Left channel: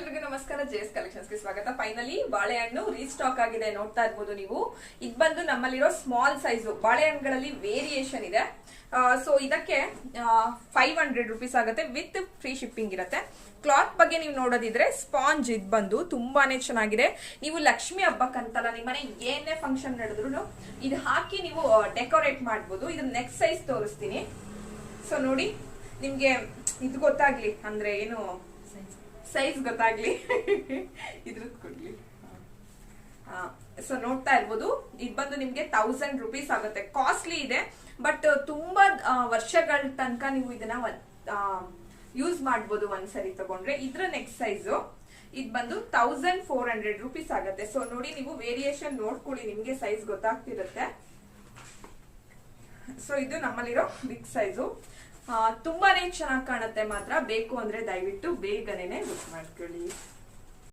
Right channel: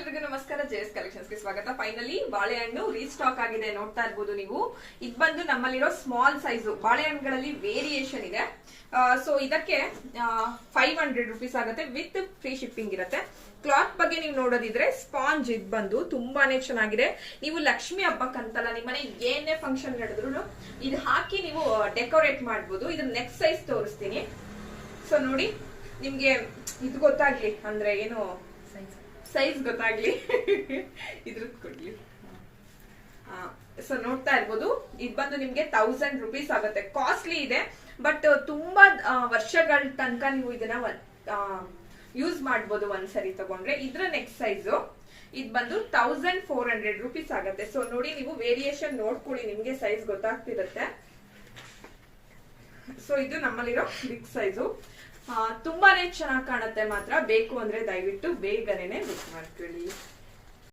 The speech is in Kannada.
ಎಲ್ರಿಗೂ ನಮಸ್ಕಾರ. ಜೆಎಸ್ ಕಲೆಕ್ಷನ್ಸ್ಗೆ ಸ್ವಾಗತ. ಫೈನಲಿ ಬಾಳೆಹಣ್ಣು ರೀಸ್ಟಾಕ್ ಆಗಿದೆ, ನೋಡ್ತಾ ಇರ್ಬೋದು ನೀವು. ಇದು ಬಂದು ನಮ್ಮಲ್ಲಿರೋ ಸ್ಮಾಲ್ ಸೈಜು ಬಾಳೆಹಣ್ಣುಗಳಲ್ಲಿ ವೇರಿಯೇಷನ್ ಇದೆ. ಸೊ ಇದಕ್ಕೆ 500 ರೂಪೀಸ್ ಆಗುತ್ತೆ, ವಿತ್ ಫ್ರೀ ಶಿಪ್ಪಿಂಗ್ ಇರುತ್ತೆ. ಕ್ಲಾತ್ ಬಗ್ಗೆ ನೀವು ನೋಡೋದಿದ್ರೆ ಸ್ಪಾಂಜ್ ಇದು ಬಂದು ತುಂಬಾನೇ ಚೆನ್ನಾಗಿದೆ. ನೀವು ಲಕ್ಷ್ಮಿ ಹಬ್ಬಕ್ಕಂತಲ್ಲ, ನಿಮ್ಮನೆ ಏನೇ ಫಂಕ್ಷನ್ ನಡೆದ್ರು ಇದು ಹಾಕಿ ನೀವು ಡೆಕೋರೇಟ್ ಮಾಡ್ಬೋದು. ಇದ್ರ ನೆಕ್ಸ್ಟ್ ಸೈಜ್ ತೋರಿಸ್ತೀನಿ. ಸೊ ನೋಡಿ, ನಿಮ್ಗೆ ಇದು ಗೊತ್ತಾಗ್ಲಿ ಅಂದ್ರೆ ಏನು ಸೈಜ್ ಗೊತ್ತಾಗ್ಲಿ ಇದ್ರದ್ದು ಕೊಡ್ಲಿ. ಸೊ ನೋಡ್ತಾ ಇರ್ಬೋದು, ಇದು ಬಂದು ನಿಮ್ಗೆ 1000 ರೂಪೀಸ್ ಆಗುತ್ತೆ. ಕಾಸ್ಟ್ಲಿ ಇದೆ, ಬಟ್ ತುಂಬಾ ವರ್ಷಗಳ ತನಕ ನೀವು ಇದನ್ನ ಯೂಸ್ ಮಾಡ್ಬೋದು ಒಂದ್ಸರಿ ತಗೊಂಡ್ರೆ. ಇದ್ರ ನೆಕ್ಸ್ಟ್ ಸೈಜು ಇದು ಬಂದು 1400 ರೂಪೀಸ್ ಆಗುತ್ತೆ. ಸೊ ನೋಡಿ, ನೀವು ವೇರಿಯೇಷನ್ ನೋಡ್ಕೊಳ್ಳಿ, ನಿಮ್ಗೆ ಸೈಜ್ ಗೊತ್ತಾಗ್ತಿರುತ್ತೆ. ಸೊ ಇದು ನಮ್ಮಲ್ಲಿರೋ ಬಿಗ್ ಸೈಜು, ತುಂಬಾನೇ ಚೆನ್ನಾಗಿ ಕಾಣುತ್ತೆ. ಮಾತ್ರ ಬೇಕು ಅಂದ್ರೆ ದಯವಿಟ್ಟು ಬೇಗನೆ ಬುಕ್ ಮಾಡ್ಕೊಳ್ಳಿ.